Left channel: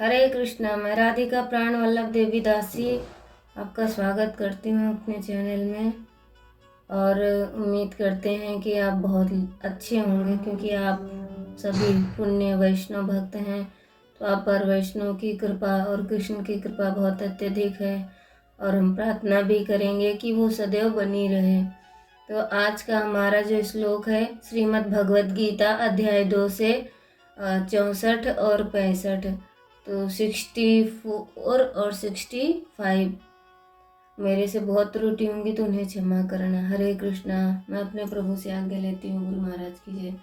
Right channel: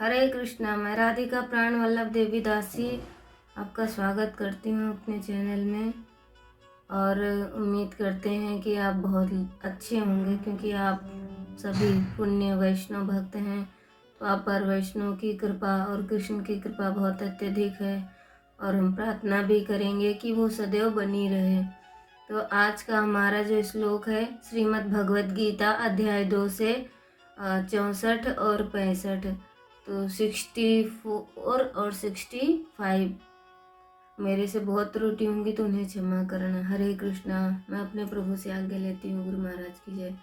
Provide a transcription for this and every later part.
हरे कृष्णा। मैं राधिका प्राण वल्लभ देवी दासी आपका स्वागत करती हूँ अपने चैनल में। और उम्मीद करते हैं कि आप बहुत अच्छे होंगे, क्योंकि आप सभी पुण्य वैष्णव भक्त हैं। तो आप पर वैष्णव की कृपा और कृष्ण की कृपा बहुत अत्यधिक है, और हम प्रार्थना भी करेंगे कि वो सदैव बनी रहे। तो आज का हमारा जो श्लोक है श्रीमद् भगवद गीता अध्याय 2 से 64 और 65, तो 64 और 65। मेरे से बहुत त्रुटि होंगी तो उन्हें क्षमा करना। हरे कृष्णा। मैं अपने प्रभु से आज्ञा लेती हूँ। गुरु महाराज की जय।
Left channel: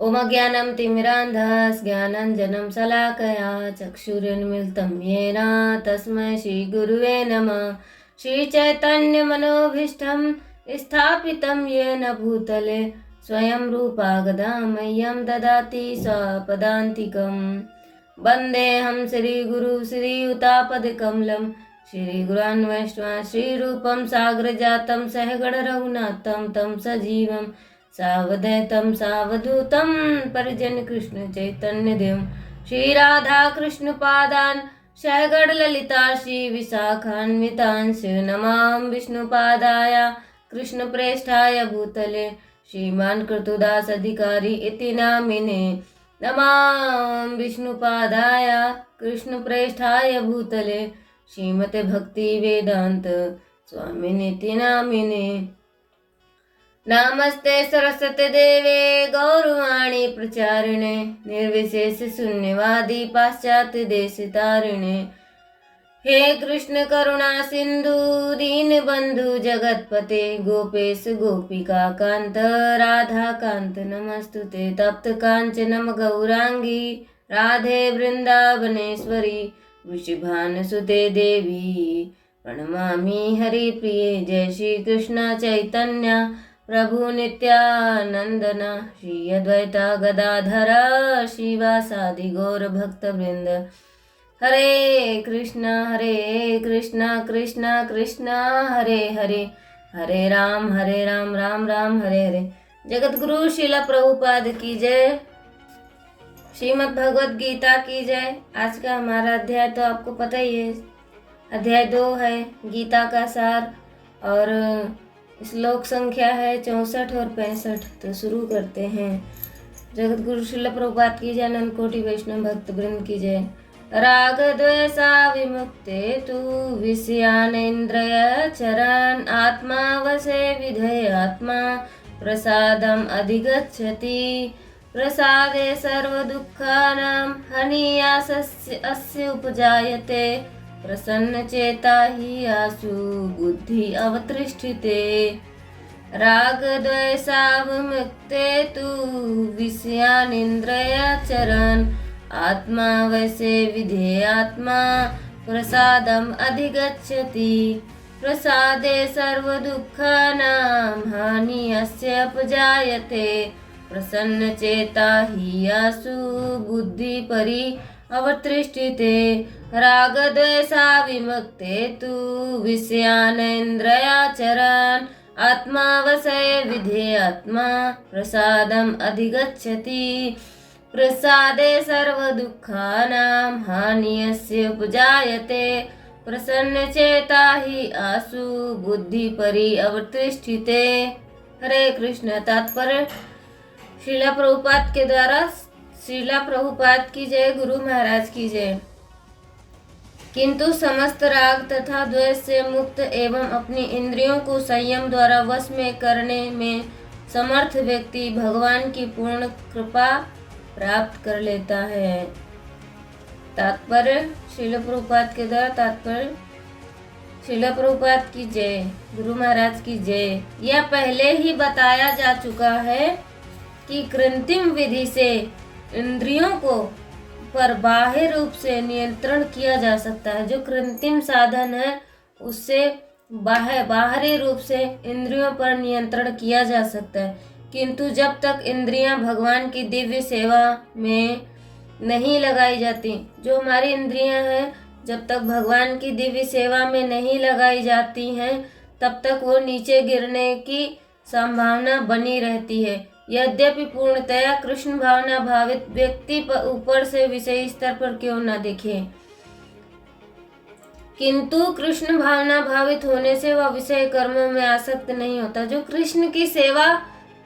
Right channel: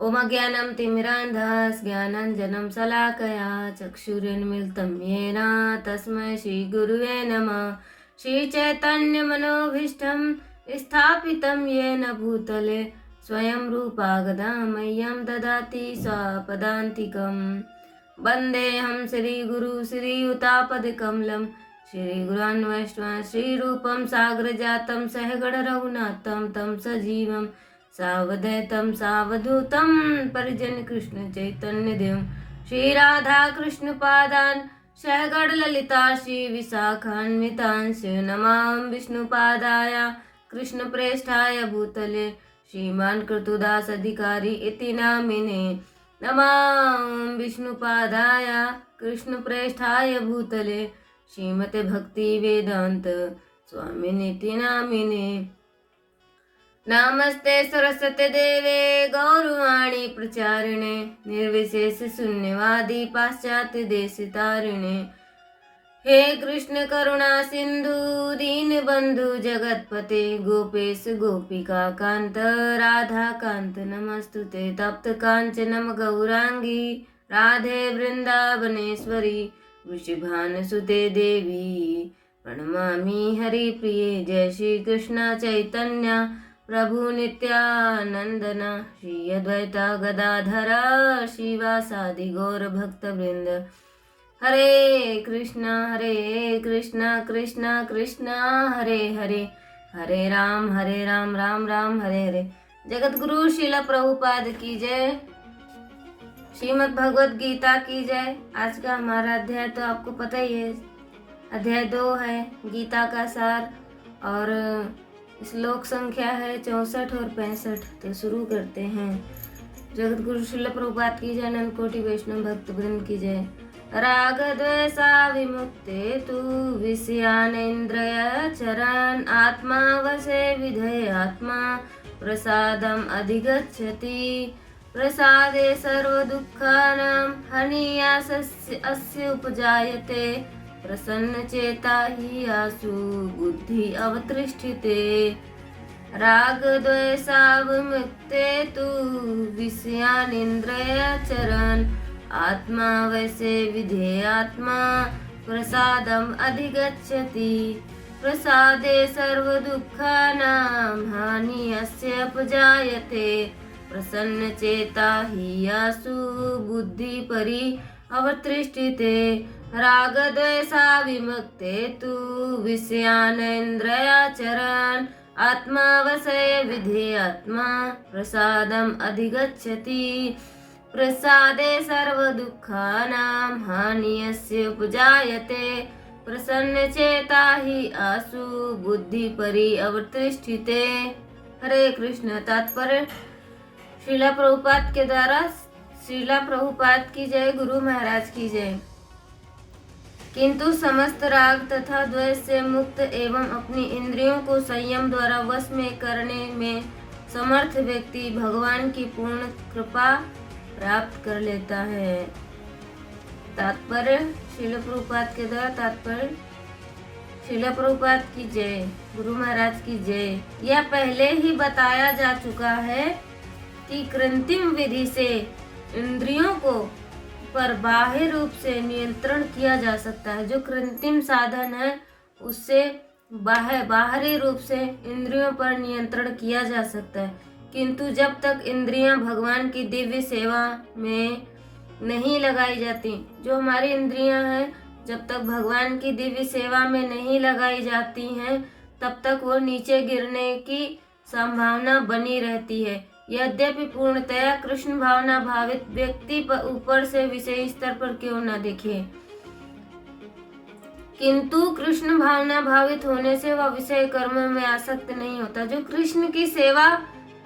ओम ज्ञानम तिमिरान्धस् ज्ञानाञ्जनं शलाकया चक्षुरुन्मीलितं येन तस्मै श्री गुरुवे नमः। श्री चैतन्य मनोभीष्टं स्थापितं येन भूतले स्वयं रूपा गदा मह्यं ददाति स्वपदान्तिकम्। वन्देऽहं श्रीगुरु श्रीयुतापदकमलं श्रीगुरान् वैष्णवान् श्रीरूपं साग्रजातं सहगण रघुनाथं तं सजीवं सावधैतं सावधूतं परिजन कृष्ण चैतन्य देवं श्री राधा कृष्ण पादान् सहगण ललिता श्री विशाखान्वितांश नमामि विष्णुपादाय कृष्ण प्रेष्ठाय भूतले श्रीमान् कृतुदास अधिकारी इति नामिने। नमामि विष्णुपादाय कृष्ण प्रेष्ठाय भूतले श्रीमते भक्ति वेदांत स्वामिनिति नामिने। नमस्ते सरस्वती देवे गौरवाणी प्रचारिणे निर्विशेष शून्यवादी पाश्चात्य देश तारिणे। हे कृष्ण करुणा सिंधु दीन बंधु जगतपते गोपेश गोपिका कांत राधा कांत नमस्तुते। तप्त कांचनम गौरांगी राधे वृंदावनेश्वरी वृषभानुसुते देवी प्रणमामि हरिप्रिये। जय श्री कृष्ण चैतन्य प्रभु नित्यानंदन श्री अद्वैता गदाधर शिवासादि गौर भक्त वृंद। हरे कृष्णा कृष्णा कृष्णा हरे हरे, हरे राम राम राम हरे हरे। जगत गुरु शिला प्रभुपाद की जय। श्रीमद् भगवद गीता की जय। आज का हमारा अध्याय तो आपको पता ही है, अध्याय 2 है गीता का सार, और श्लोक संख्या है 64 और 65। तो शुरू करते हैं। जगत गुरु शिला प्रभुपाद की जय। अनंत कोटि वैष्णव भक्त वृंद की जय। राग द्वेषा विमुक्ते तु विषयानेन्द्रिय चरन् आत्मा वशे विधये आत्मा प्रसादम् अधिगच्छति। प्रसादे सर्वदुःखानां हानिनाशस्य अस्य उपजायते। प्रसन्नचेता हि आशु बुद्धि अवतिष्ठते। राग द्वेषा विमुक्ते तु विषयानिन्द्रिय चरन् आत्मा वैसे विधेय आत्मा प्रसादम् अधिगच्छति। प्रसादे सर्वदुःखानां हानिनाशस्य उपजायते। प्रसन्नचेता हि आशु बुद्धि परि अवतिष्ठते। राग द्वेषा विमुक्ते तु विषयानेन्द्रियाचरन् आत्मा वशे विधेय आत्मा प्रसादम् अधिगच्छति। प्रसादे सर्वदुःखानां हानिनाशस्य उपजायते। प्रसन्नचेता हि आशु बुद्धि परि अवतिष्ठते। हरे कृष्ण। तात्पर्य श्रीला प्रभुपाद के द्वारा श्रीला प्रभुपाद की जय। गुरु महाराज की जय। किंतु समस्त राग तथा द्वेष से मुक्त एवं अपनी इंद्रियों को संयम द्वारा वश में करने में समर्थ व्यक्ति भगवान की पूर्ण कृपा प्राप्त कर लेता है। तात्पर्य श्रीला प्रभुपाद के द्वारा तात्पर्य श्रीला प्रभुपाद की जय। गुरु महाराज की जय। यह पहले ही बताया जा चुका है कि कृत्रिम विधि से इंद्रियों को पर बाह्य रूप से नियंत्रण किया जा सकता है। जो कृत्रिम साधन है उससे बाहरी रूप से इंद्रियों पर नियंत्रण किया जा सकता है, किंतु जब तक इंद्रियां भगवान की दिव्य सेवा में नहीं लगाई जाती, जो हमारी इंद्रियां हैं जब तक भगवान की दिव्य सेवा में नहीं लगाई जाती हैं तब तक वो नीचे गिरने की संभावना बनी रहती है। यद्यपि पूर्णतया कृष्ण भावना भावित व्यक्ति पर ऊपर से विषय स्तर पर क्यों न दिखे, किंतु कृष्ण भावना भावित होने से वह विषय कर्मों में आसक्त नहीं होता। जो कृष्ण की सेवा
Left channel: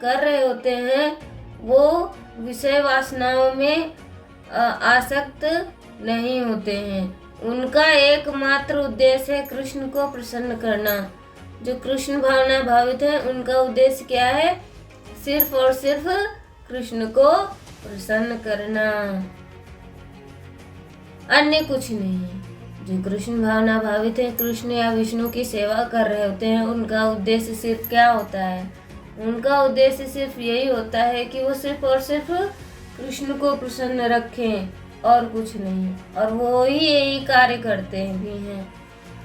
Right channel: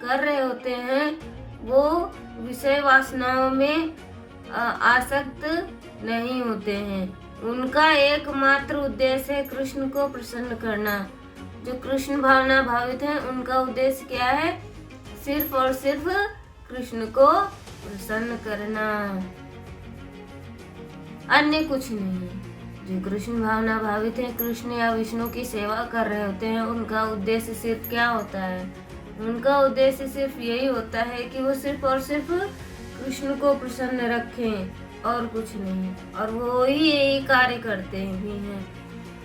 कर रहे होते हैं वो विषय वासनाओं में आसक्त नहीं होते हैं। उनका एकमात्र उद्देश्य है कृष्ण को प्रसन्न करना। जो कृष्ण भावना भावित है उनका उद्देश्य क्या है? सिर्फ और सिर्फ कृष्ण को प्रसन्न करना, अन्य कुछ नहीं। जो कृष्ण भावना भावित है, कृष्ण या विष्णु की सेवा कर रहे होते हैं, उनका उद्देश्य सिर्फ क्या होता है? उनका उद्देश्य सिर्फ यही होता है कि वो सिर्फ और सिर्फ कृष्ण को प्रसन्न रखें और कुछ नहीं, और वो ही यही कार्य करते भी हैं।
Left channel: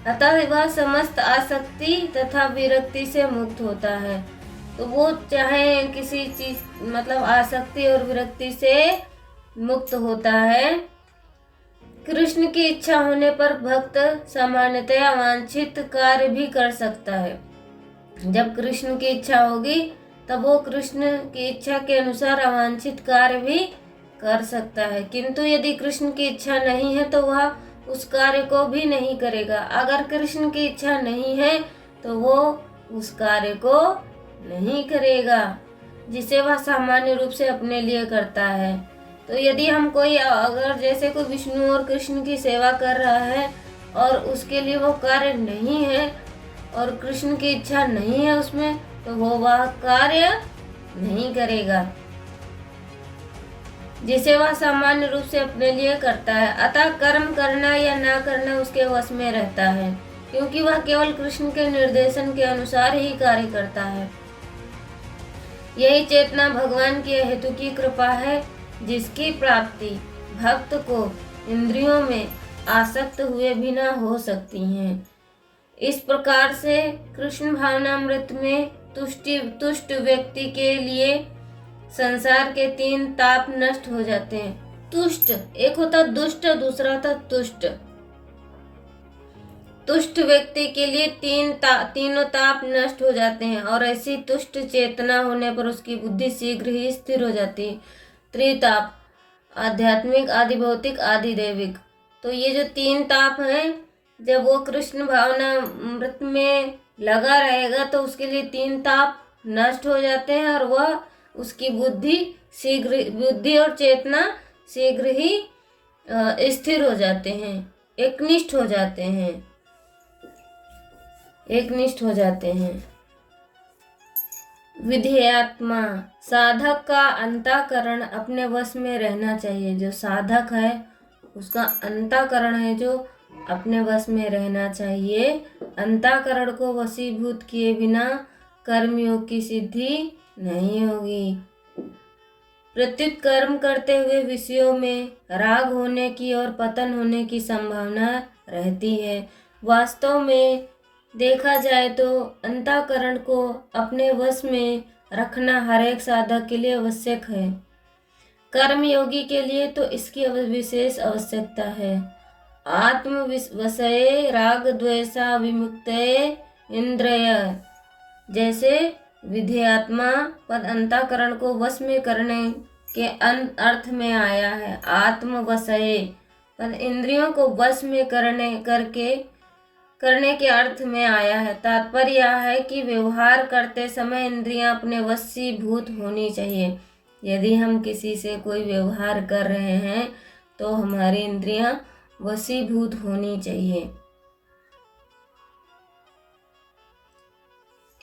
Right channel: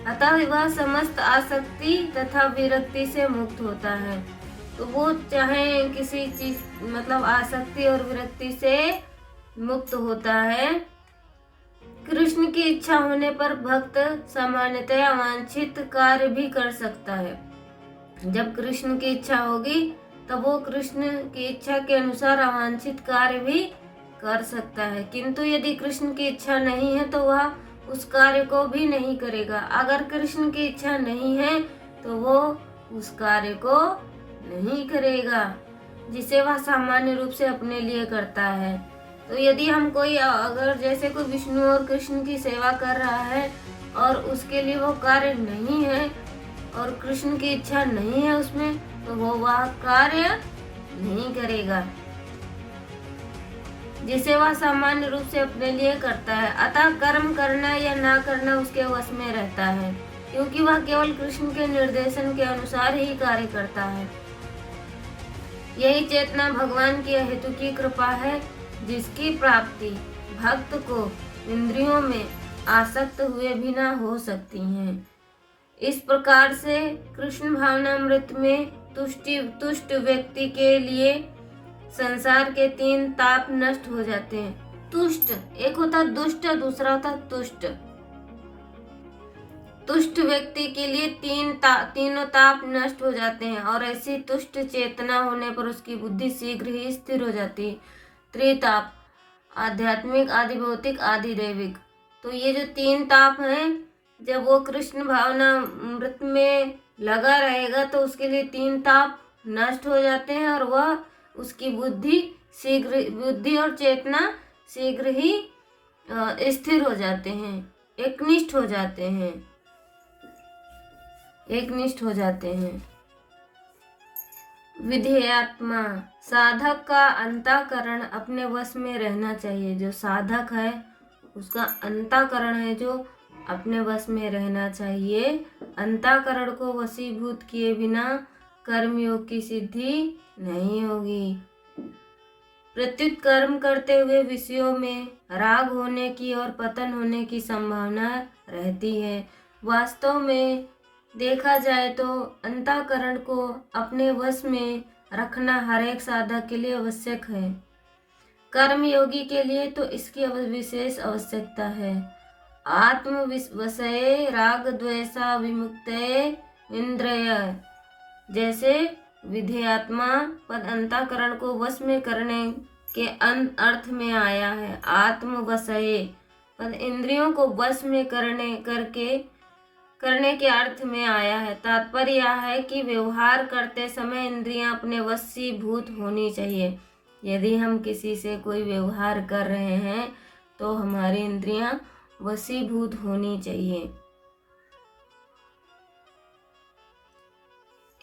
अतः वह समस्त आसक्ति तथा विरक्ति से मुक्त होता है। तो वो चाहे किसी चीज मतलब आसक्ति और विरक्ति से मुक्त होता है। कृष्ण की इच्छा होने पर भक्त सामान्यतया वांछित कार्य भी कर सकता है। जब कृष्ण की इच्छा होगी तब वो कृष्ण की इच्छा के अनुसार अवांछित कार्य भी कर सकता है, किंतु यदि कृष्ण की इच्छा नहीं है तो वह उस कार्य को भी नहीं करेगा। अगर कृष्ण की इच्छा नहीं है तो वो उस कार्य को नहीं करेगा जिसे वह सामान्य रूप से अपने लिए करता है। तो यदि हम कोई अगर जैसे कोई विष्णु और कृष्ण की सेवा कर रहा है और उसके लिए वो कार्य नहीं है और कृष्ण की इच्छा नहीं है उसमें, तो वो वह कार्य नहीं करेगा जिसे वह सामान्य रूप से अपने लिए करता है। अतः कर्म करना या ना करना उसके वश में रहता है, क्योंकि वह केवल कृष्ण के निर्देशन के अनुसार ही कार्य करता है। यही चेतना भगवान की हेतु की कृपा है, जिसकी प्राप्ति भक्त को इंद्रियों में आसक्त हुए भी न हो सकती है। इस प्रकार से कृष्ण भावनामृत में तुष्ट व्यक्ति के लिए संसार के 3 ताप नष्ट हो जाते हैं। तुष्ट, एक होता दुष्ट, दूसरा होता तुष्ट। तुष्ट व्यक्ति के लिए तीनों ताप नष्ट हो जाते हैं और ऐसी तुष्ट चेतना होने पर उसकी बुद्धि शीघ्र ही स्थिर हो जाती है। त्रिताप, आध्यात्मिक, आदि भौतिक, आदि दैविक। तो ये जो 3 ताप हैं, जब वो कृष्ण भावना मृत में लगा रहेगा तो उसके लिए 3 ताप नष्ट हो जाते हैं और वह उसकी बुद्धि और चेतना शीघ्र ही स्थिर हो जाते हैं, एकनिष्ठ हो जाते हैं। विधेयात्मा, साधक का अंतःकरण अपने वश में रहना चाहिए। जो साधक है उसका अंतःकरण है जो अपने वश में रहना चाहिए। अंतःकरण को वशीभूत किए बिना कर्मयोग की सिद्धि नहीं होगी। प्रत्युत कर्म करते हुए विषयों में राग होने की और पतन होने की संभावना रहती है। वास्तव में देखा जाए तो अंतःकरण को अपने वश में रखना हर एक साधक के लिए आवश्यक है। कर्मयोगी के लिए तो इसकी विशेष आवश्यकता है। आत्म वशये राग द्वेषा विमुक्तये इंद्रिय, जैसे विधेयात्मा पद अंतःकरण को वश में करने के अर्थ में आया है। आत्म वशये पद इंद्रियों को वश में करने के अर्थ में आया है। तात्पर्य यह है कि व्यवहार करते समय इंद्रियां अपने वशीभूत होनी चाहिए। यदि हम किसी से कोई व्यवहार कर रहे हैं तो हमारी इंद्रियां वशीभूत होनी चाहिए।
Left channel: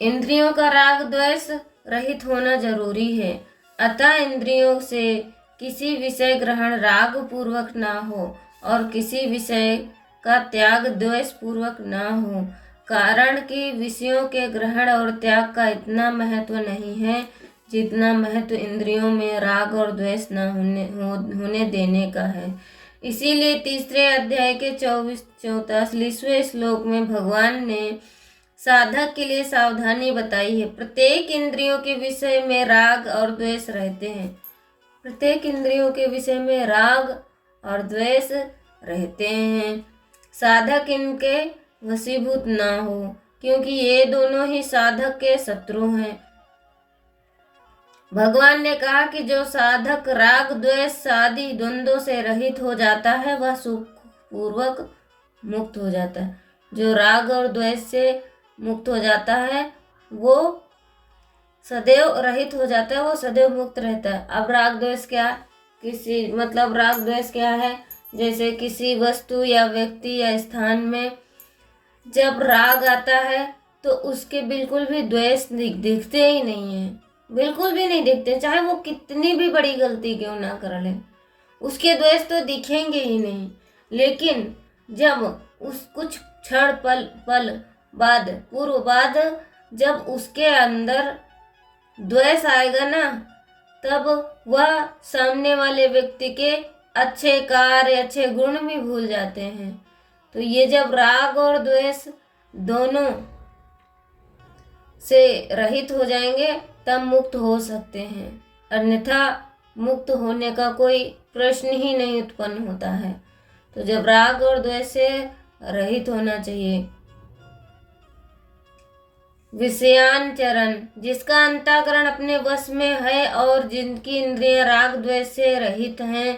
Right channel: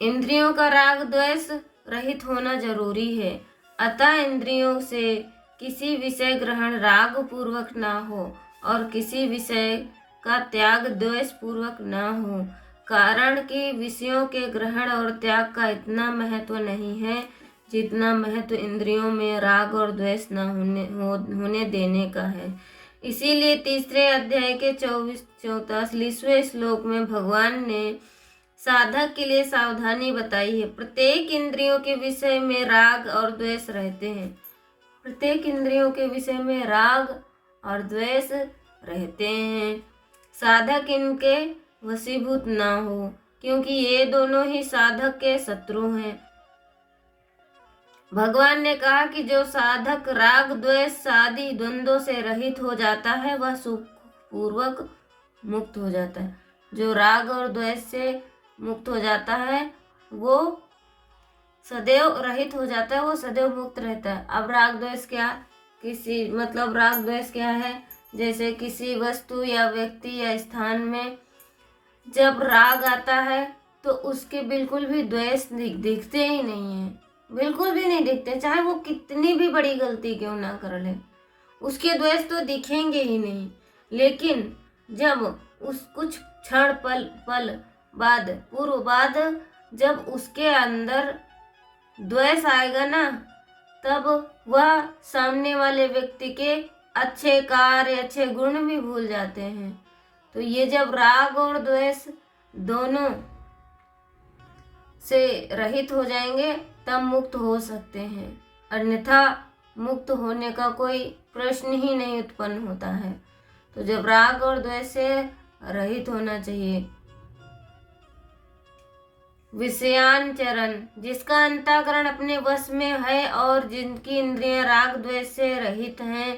इंद्रियों का राग द्वेष रहित होना जरूरी है। अतः इंद्रियों से किसी विषय ग्रहण राग पूर्वक ना हो और किसी विषय का त्याग द्वेष पूर्वक ना हो, कारण कि विषयों के ग्रहण और त्याग का इतना महत्व नहीं है जितना महत्व इंद्रियों में राग और द्वेष न होने देने का है। इसीलिए तीसरे अध्याय के 44वें श्लोक में भगवान ने साधक के लिए सावधानी बताई है। प्रत्येक इंद्रियों के विषय में राग और द्वेष रहते हैं। प्रत्येक इंद्रियों के विषय में राग और द्वेष रहते हैं। साधक इनके वशीभूत ना हो, क्योंकि ये दोनों ही साधक के शत्रु हैं। भगवान ने कहा कि जो साधक राग द्वेष आदि द्वंद्वों से रहित हो जाता है वह सुख पूर्वक मुक्त हो जाता है। जो राग और द्वेष से मुक्त हो जाता है वो सदैव रहित हो जाता है, वो सदैव मुक्त रहता है। अब राग द्वेष क्या, राग द्वेष क्या है? जैसे किसी वस्तु या व्यक्ति या स्थान में जब राग आता है तो उसके बिल्कुल भी द्वेष दिखते ही नहीं है, बिल्कुल भी नहीं दिखते, चाहे वो कितनी भी बड़ी गलती क्यों ना कर ले, उसके द्वेष तो दिखेंगे ही नहीं। लेकिन जब उस कुछ क्षण पल बाद पूर्व बाद जब उसके अंदर द्वेष आएगा ना, तब वह सामने वाले व्यक्ति के अच्छे कार्य अच्छे गुण भी भूल जाते हैं। तो ये जब राग और द्वेष दोनों से रहित हो जाएंगे तब मुक्त हो सकते हैं, अन्यथा मुक्त होने का कोई प्रश्न ही नहीं उत्पन्न होता है। तो जब राग और द्वेष से रहित होना चाहिए। विषयांचरण, जिसका अंतःकरण अपने वश में है और जिनकी इंद्रियां राग द्वेष से रहित हैं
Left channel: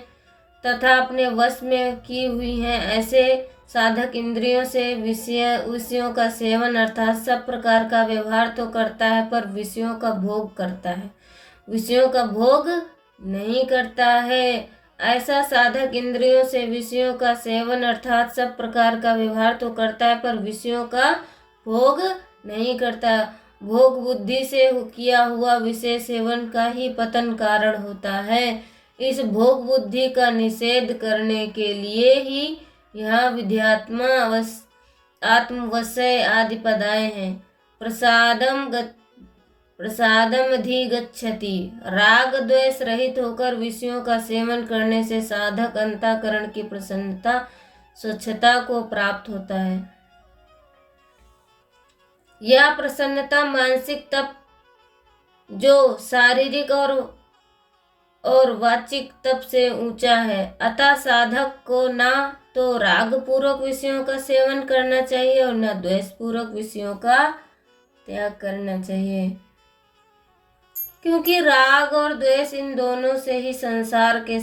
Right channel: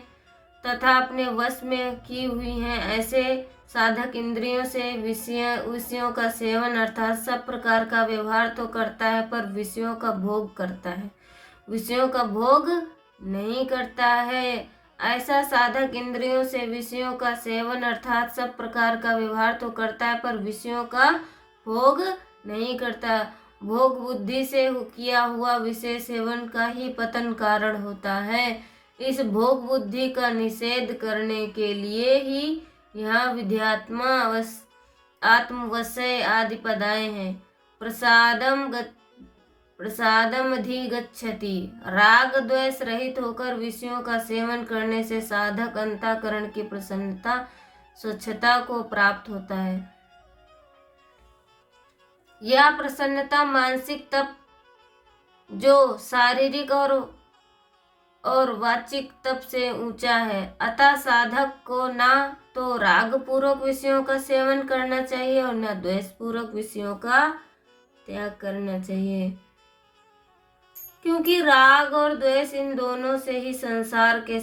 तथा अपने वश में की हुई हैं, ऐसे साधक इंद्रियों से विषयों का सेवन अर्थात सब प्रकार का व्यवहार तो करता है पर विषयों का भोग करता है, विषयों का भोग नहीं करता है। ऐसा साधक इंद्रियों से विषयों का सेवन अर्थात सब प्रकार का व्यवहार तो करता है पर विषयों का भोग नहीं करता। भोग बुद्धि से किया हुआ विषय सेवन का ही पतन कारण होता है। इस भोग बुद्धि का निषेध करने के लिए ही यहाँ विध्यात्मा आत्मवशय आदि पद आए हैं। प्रसादम अधिगच्छति, राग द्वेष रहित होकर विषयों का सेवन करने से साधक अंतःकरण की प्रसन्नता स्वच्छता को प्राप्त होता है। यह प्रसन्नता मानसिक तप जो शारीरिक और वाचिक तप से ऊंचा है। अतः साधक को ना तो राग पूर्वक विषयों का सेवन करना चाहिए और न द्वेष पूर्वक विषयों का त्याग करना चाहिए, क्योंकि राग और द्वेष इन दोनों से ही संसार के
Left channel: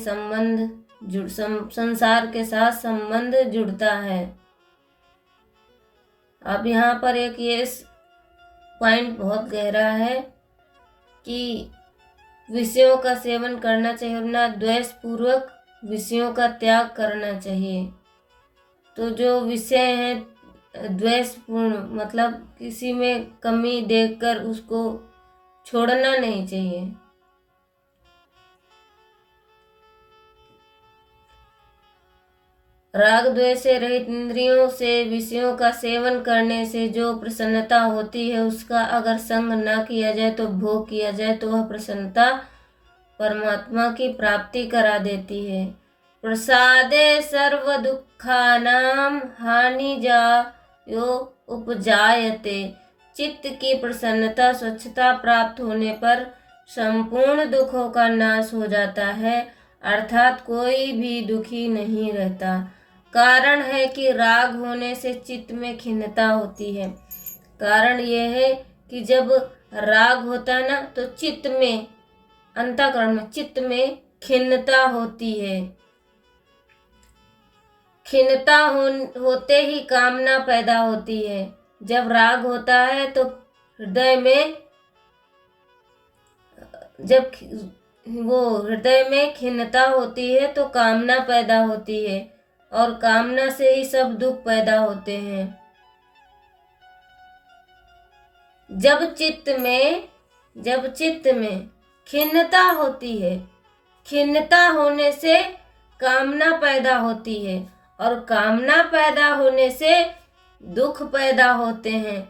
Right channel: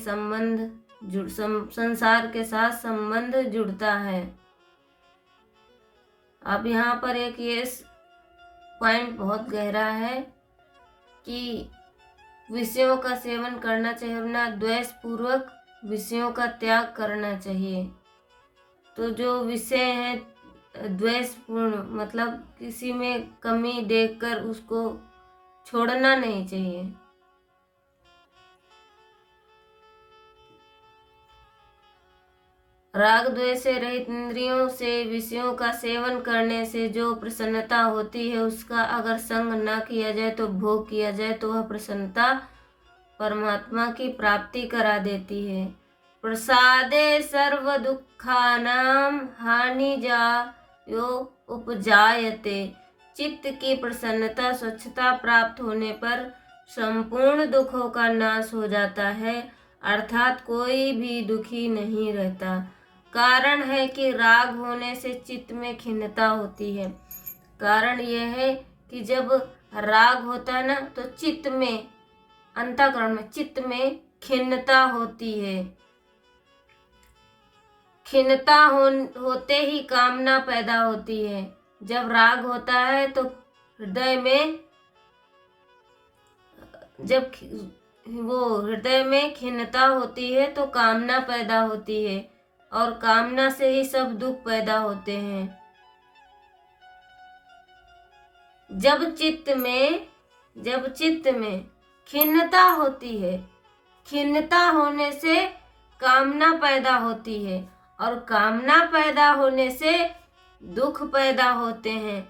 साथ संबंध जुड़ता है। अब यहाँ पर एक ये पॉइंट बहुत गहरा है कि विषयों का सेवन करना चाहिए और ना द्वेष पूर्वक विषयों का त्याग करना चाहिए। तो जो विषय हैं द्वेषपूर्ण, मतलब किसी में कमी देखकर उसको छोड़ना नहीं चाहिए। राग द्वेष से रहित इंद्रियों से विषयों का सेवन करने से जो प्रसन्नता होती है उसका अगर संग न किया जाए तो भोग किया जाए तो वह प्रसन्नता परमात्मा की प्राप्ति करा देती है। प्रसादे सर्व दुखानाम हानि जायो उपजायते, चित्त की प्रसन्नता स्वच्छता प्राप्त होने पर संपूर्ण दुखों का नाश हो जाता है, अर्थात कोई भी दुखी नहीं रहता। कारण है कि राग होने से चित्त में खिन्नता होती है। कारण यह है कि जब राग होता है ना तो चित्त में, अंतःकरण में, चित्त में खिन्नता होती है। खिन्नता होते ही कामना पैदा होती है। जब राग होता है तो हृदय में खिन्नता होती है तो कामना पैदा होती है और कामना से ही सब दुख पैदा होते हैं। जब चित्त में खिन्नता होती है, खिन्नता होने से कामना पैदा होती है और कामना पैदा होने से दुख पैदा होते हैं।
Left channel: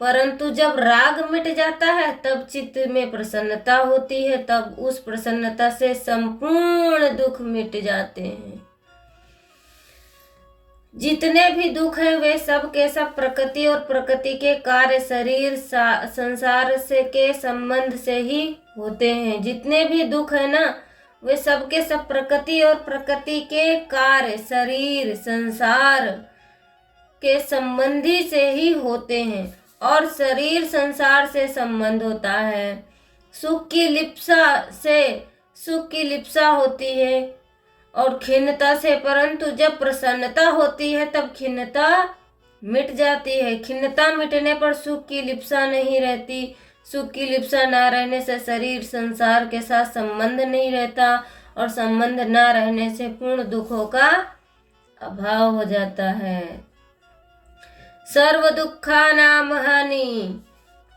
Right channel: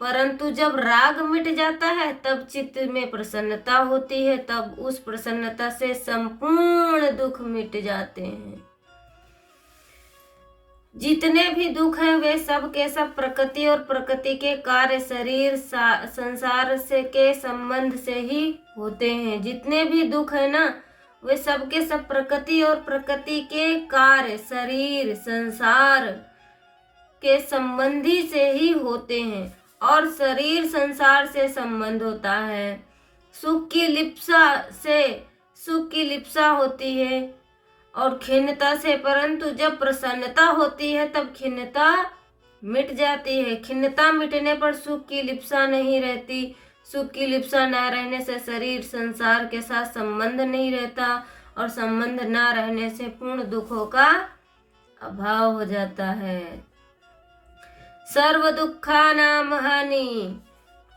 परंतु जब राग मिट जाता है तब चित्त में प्रसन्नता होती है, तब उस प्रसन्नता से संपूर्ण दुख मिट जाते हैं। जितने भी दुख हैं वे सब के सब प्रकृति और प्रकृति के कार्य शरीर संसार से के संबंध से ही होते हैं। जितने भी दुख है ना वे सब के सब प्रकृति और प्रकृति के कार्य शरीर संसार के संबंधी से ही होते हैं और शरीर संसार से संबंध होता है। सुख की लिप्सा होती है और खिन्नता से, परंतु जब प्रसन्नता होती है तब खिन्नता मिट जाती है। खिन्नता मिटने पर सुख की लिप्सा नहीं रहती। सुख की लिप्सा ना रहने से शरीर संसार के साथ संबंध नहीं रहता और संबंध ना रहने से पूर्ण दुखों का अभाव हो जाता है। सर्व दुखानाम हानि,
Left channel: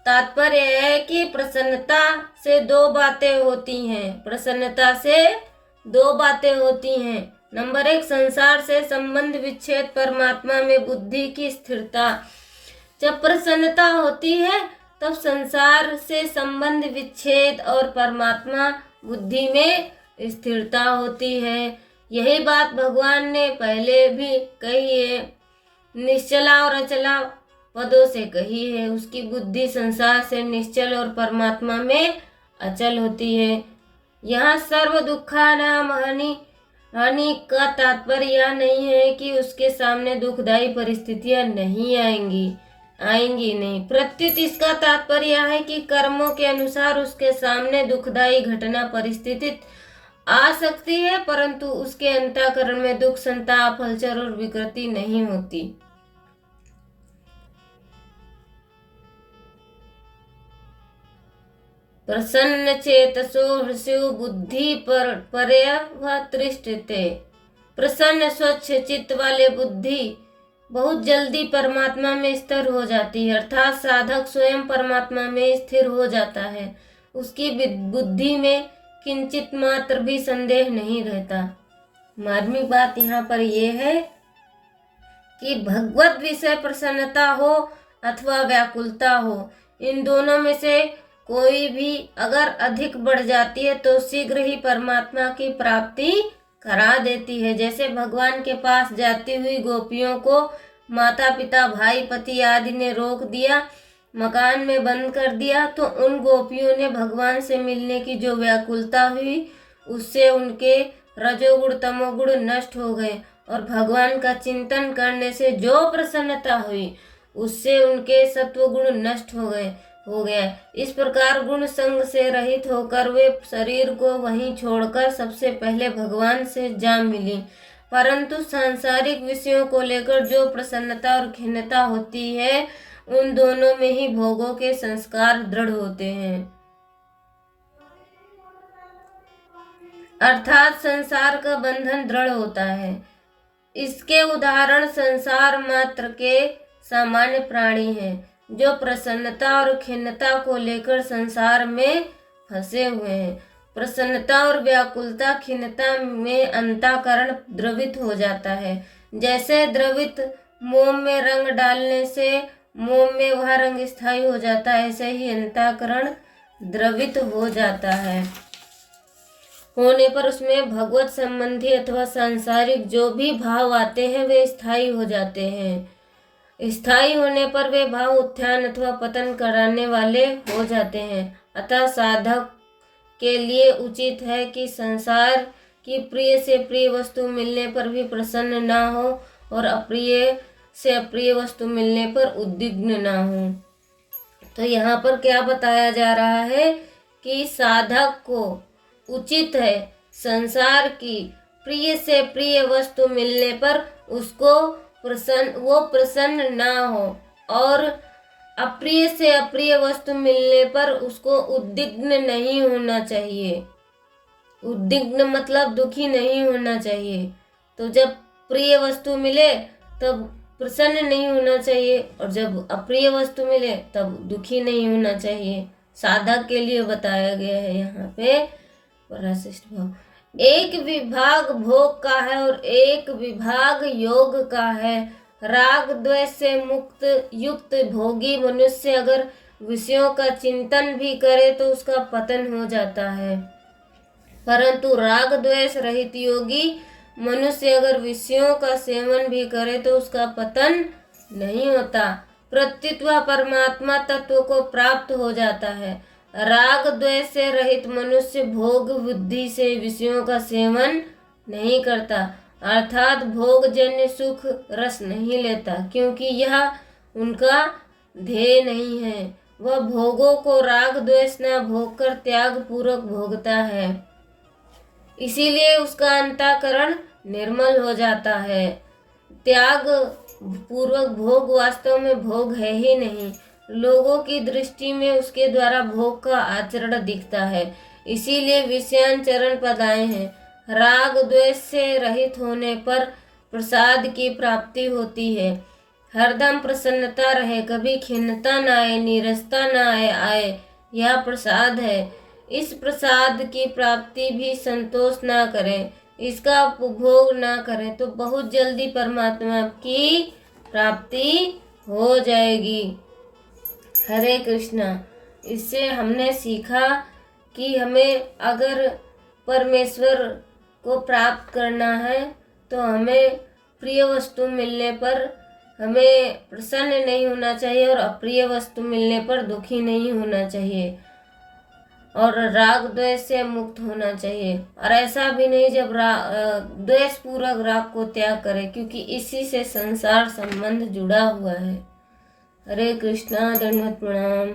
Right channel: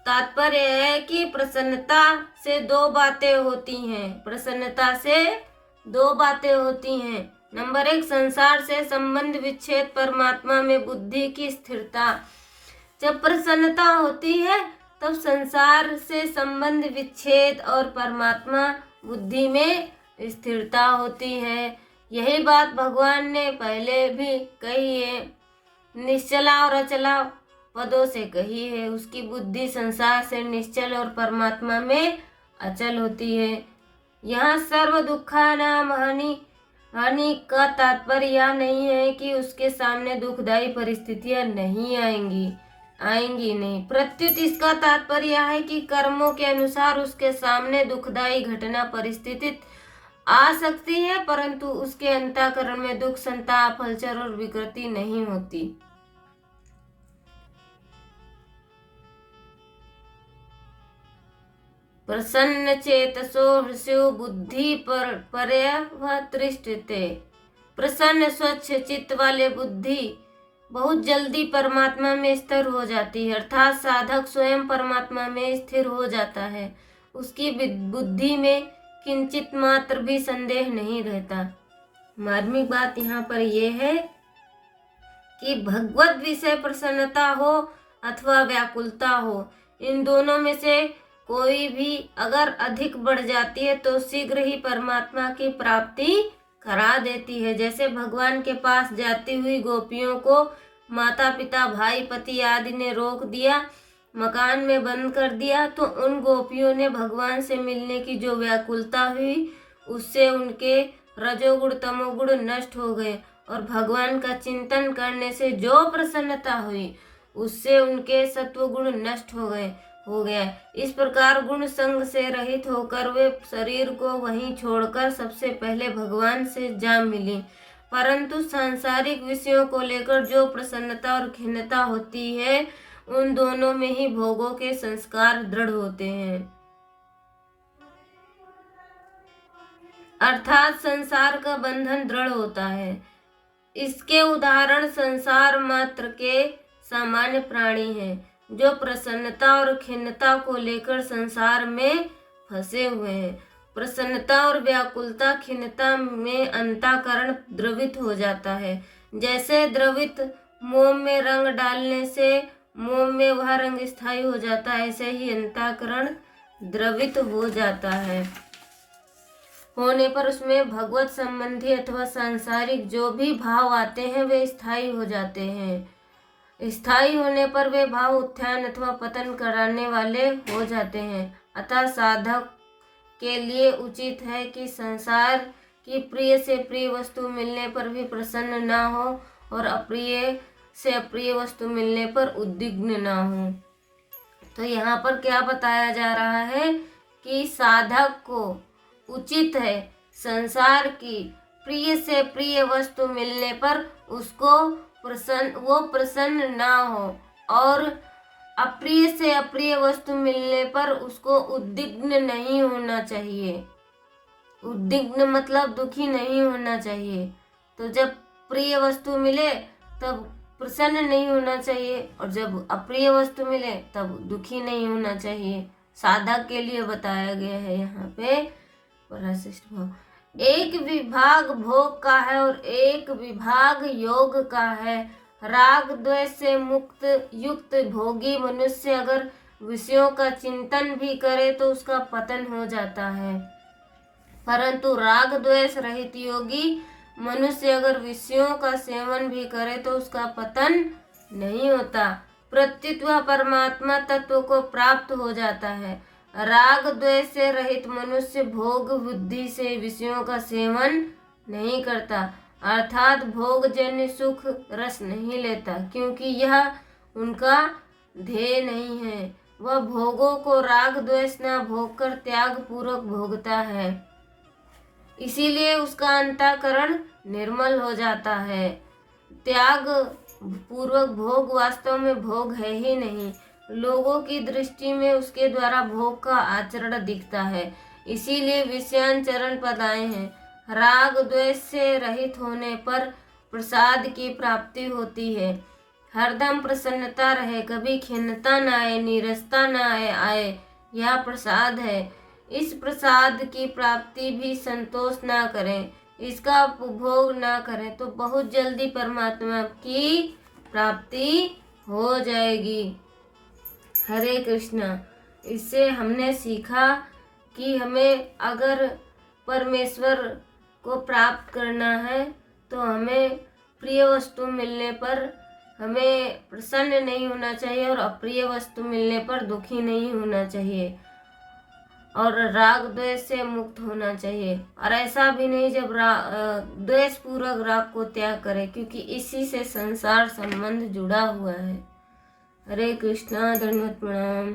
तात्पर्य है कि प्रसन्नता से दो बातें होती हैं। प्रसन्नता से दो बातें होती हैं। नंबर 1, संसार से संबंध विच्छेद, परमात्मा में बुद्धि की स्थिरता। जब प्रसन्नता होती है तब संसार से संबंध विच्छेद और परमात्मा बुद्धि में स्थिरता होती है। यही बात भगवान ने पहले भी कही है, निश्चला और अचला पदों से कही है। उसकी बुद्धि संसार से निश्चल और परमात्मा में अचल होती है। यहाँ सर्व दुखानाम हानि का तात्पर्य यह नहीं है कि उसके सामने दुखदायी परिस्थितियां नहीं आएंगी नहीं। प्रत्युत इसका तात्पर्य यह है कि कर्मों के अनुसार उसके सामने दुखदायी घटना परिस्थिति आ सकती है, परंतु उसके अंतःकरण में दुख, संताप, हलचल और विकृति नहीं होती। प्रसन्न चेतसो हृस्यो बुद्धि पर्यवतृष्टते। प्रसन्न स्वच्छ चित्त वाले बुद्धि बहुत जल्दी परमात्मा में स्थिर हो जाती है, अर्थात साधक स्वयं परमात्मा में स्थिर हो जाता है। उसकी बुद्धि में किंचित मात्र भी संदेह नहीं रहता। मार्मिक बात यहाँ पर यह है कि भगवत विषय प्रसन्नता हो अथवा व्याकुलता हो, इन दोनों में से कोई भी अगर अधिक बढ़ जाती है तो शीघ्र ही परमात्मा की प्राप्ति करा देती है। जैसे भगवान के पास जाती हुई गोपियों को माता पिता, भाई, पति आदि ने रोक दिया, मकान में बंद कर दिया, तो उन गोपियों ने भगवान से मिलने की जो व्याकुलता हुई उससे उनके रजोगुण तमोगुण नष्ट हो गए और भगवान का चिंतन करने से जो प्रसन्नता हुई उससे उनके सत्वगुण नष्ट हो गया। इस प्रकार गुण संग से रहित होकर वे शरीर को वहीं छोड़कर सबसे पहले भगवान से जा मिली। परंतु सांसारिक विषयों को लेकर जो प्रसन्नता और खिन्नता होती है, उन दोनों में ही भोगों के संस्कार दृढ़ होते हैं, अर्थात संसार का बंधन दृढ़ होता है। इसके उदाहरण संसार मात्र के सामान्य प्राणी हैं, जो प्रसन्नता और खिन्नता को लेकर संसार में फंसे हुए हैं। प्रसन्नता और व्याकुलता, खिन्नता में अंतःकरण द्रवित हो जाता है। जैसे द्रवित मोम में रंग डालने से मोम में वह रंग स्थायी हो जाता है, ऐसे ही अंतःकरण द्रवित हो जाता है। होने पर उसमें भगवत संबंधी अथवा सांसारिक जो भी भाव आते हैं वे स्थायी हो जाते हैं। स्थायी होने पर वे भाव उत्थान अथवा पतन कराने वाले हो जाते हैं। अतः साधक के लिए उचित है कि संसार की प्रिय से प्रिय वस्तु मिलने पर भी प्रसन्न न हो और अप्रिय से अप्रिय वस्तु मिलने पर उद्विग्न न हो। तो यहाँ पर क्या बताया जा रहा है कि साधक को उचित है संसार की प्रिय से प्रिय वस्तु मिलने पर उसको प्रसन्न ना हो और अप्रिय से अप्रिय वस्तु मिलने पर उसको उद्विग्न नहीं होना चाहिए। उद्विग्न मतलब दुखी नहीं होना चाहिए। तो जब प्रिय वस्तु मिले तब प्रसन्न नहीं होना चाहिए और जब अप्रिय वस्तु मिले तब दुखी नहीं होना चाहिए। साधक के लिए बताया गया है यहाँ पे पराश्रेष्ठ भाव। एक विभाग भोग का है और एक विभाग योग का है। राग द्वेष से मुक्त युक्त भोगी मनुष्य अगर विषयों का चिंतन भी करे तो उसका पतन हो जाता है, परंतु राग द्वेष रहित योगी मनुष्य अगर विषयों का सेवन भी करे तो उसका पतन नहीं होता, प्रत्युत वह परमात्मा तत्व को प्राप्त हो जाता है। राग द्वेष से रहित मनुष्य भोग बुद्धि से विषयों का सेवन नहीं करता, अर्थात भोग जन्य सुख रस नहीं लेता, क्योंकि यह उनका ध्येय नहीं है। वह भोगों को राग द्वेष न भोग कर त्याग पूर्वक भोगता है, इसीलिए उसका अंतःकरण निर्मल हो जाता है। त्याग पूर्वक भोग वास्तव में भोग है ही नहीं, लोगों की दृष्टि में उसके द्वारा भोग का आचरण दिखता है, इसीलिए विषयान चरण पद आए हैं। राग द्वेष से रहित होने पर प्रसाद की प्राप्ति होती है। हरदम प्रसन्नता रहे, कभी खिन्नता न आए, नीरसता न आए, यह प्रसाद है। इस प्रसाद की प्राप्ति भी संतोष न करें, इसका उपभोग न करें तो बहुत जल्दी परमात्मा की प्राप्ति हो जाएगी। हरे कृष्णा। इससे हमने सीखा कि हमें अगर परमेश्वर को प्राप्त करना है तो हमें प्रिय वस्तु मिलने पर हमें प्रसन्न नहीं होना चाहिए और अप्रिय वस्तु मिलने पर दुखी नहीं होना चाहिए, और राग द्वेष से मुक्त होना चाहिए। और ऐसा भी नहीं जब द्वेष पूर्वक राग को त्याग करे, क्योंकि इसी से संसार संबंध जुड़ा हुआ है। हरे कृष्णा। दंडवत प्रणाम।